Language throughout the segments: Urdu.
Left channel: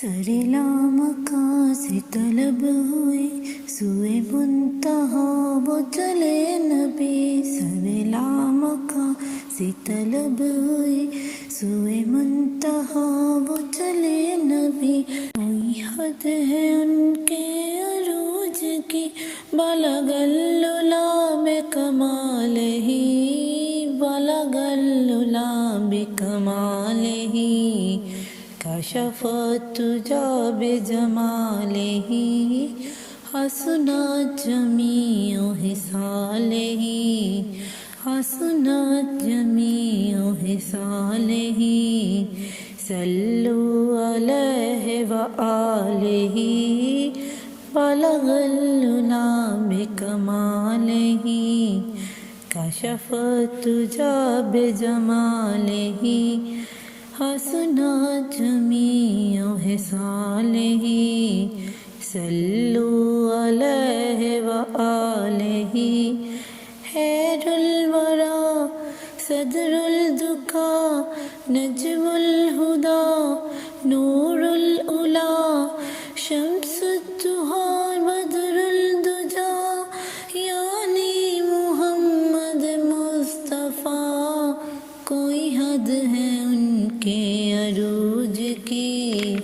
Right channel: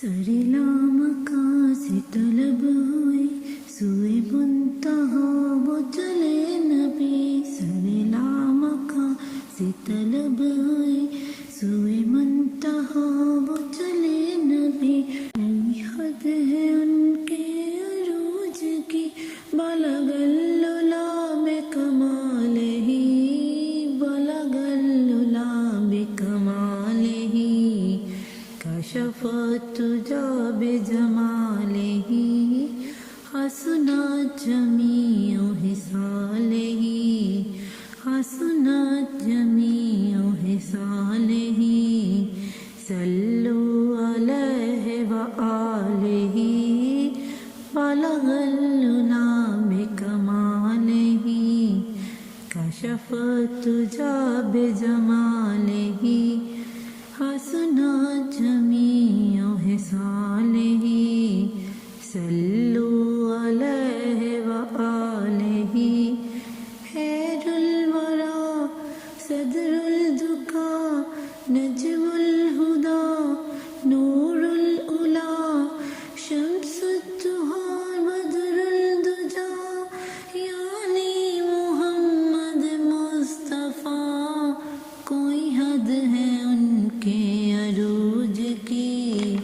سرلام کا سے طلب ہوئی سوئے منتہا وہ چلے نبی، سرلام کا سے طلب ہوئی سوئے منتہا وہ چلے نبی، کوئی حد ہے ان کے عروج کی، بلغ العلا بکمالہ، بلغ العلا بکمالہ، کشف الدجی بجمالہ، حسنت جمیع خصالہ، حسنت جمیع خصالہ، صلوا علیہ وآلہ، بلغ العلا بکمالہ، کشف الدجی بجمالہ، حسنت جمیع خصالہ، صلوا علیہ وآلہ، خیر الورا صدر الدکا، نجم الہدی، نور العلا، شمس الدہا، بدر الدجی، یعنی محمد مصطفیٰ، کوئی حد ہے ان کے عروج کی،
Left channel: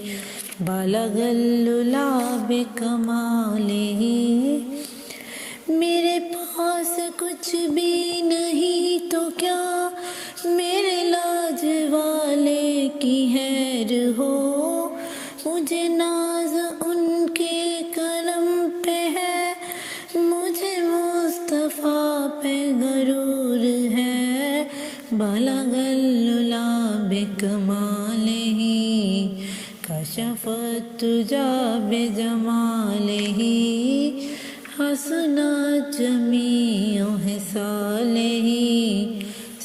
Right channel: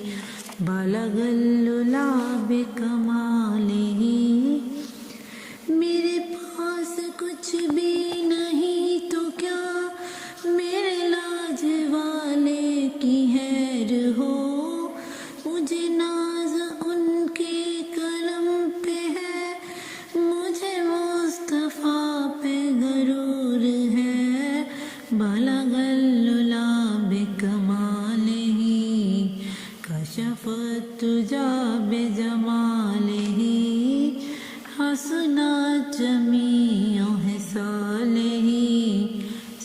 بلغ العلا بکمالہ، میرے پاس کچھ بھی نہیں تو کیا میرے لاج والے کی خیر ہو، مجھے ناز ان کے کرم پہ ہے، مجھے مصطفیٰ پہ غرور ہے، بلغ العلا بکمالہ، کشف الدجی بجمالہ، حسنت جمیع خصالہ،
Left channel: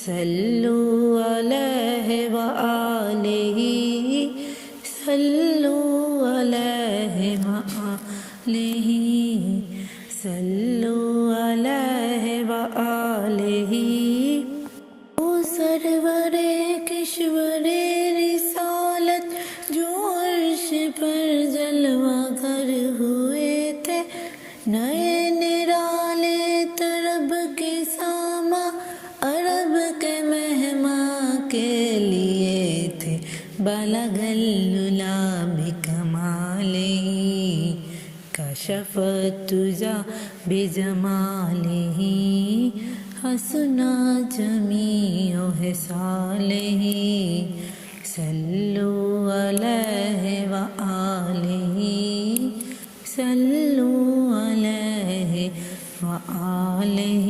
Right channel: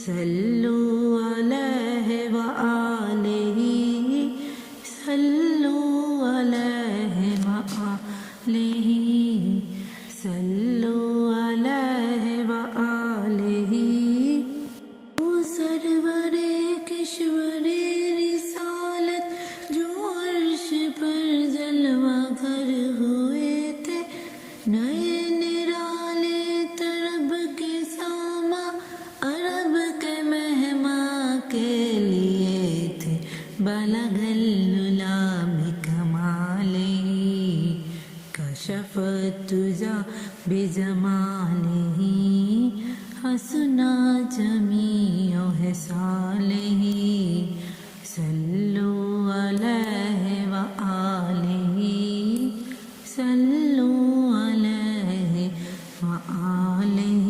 صلوا علیہ وآلہ، صلوا علیہ وآلہ، صلوا علیہ وآلہ، او سرور کشور رسالت جو عرش پر جلوہ گر ہوئے تھے، نئے نرالے طرب کے ساما عرب کے مہماں کے لیے تھے، بلغ العلا بکمالہ، کشف الدجی بجمالہ، حسنت جمیع خصالہ، صلوا علیہ وآلہ، صلوا علیہ وآلہ۔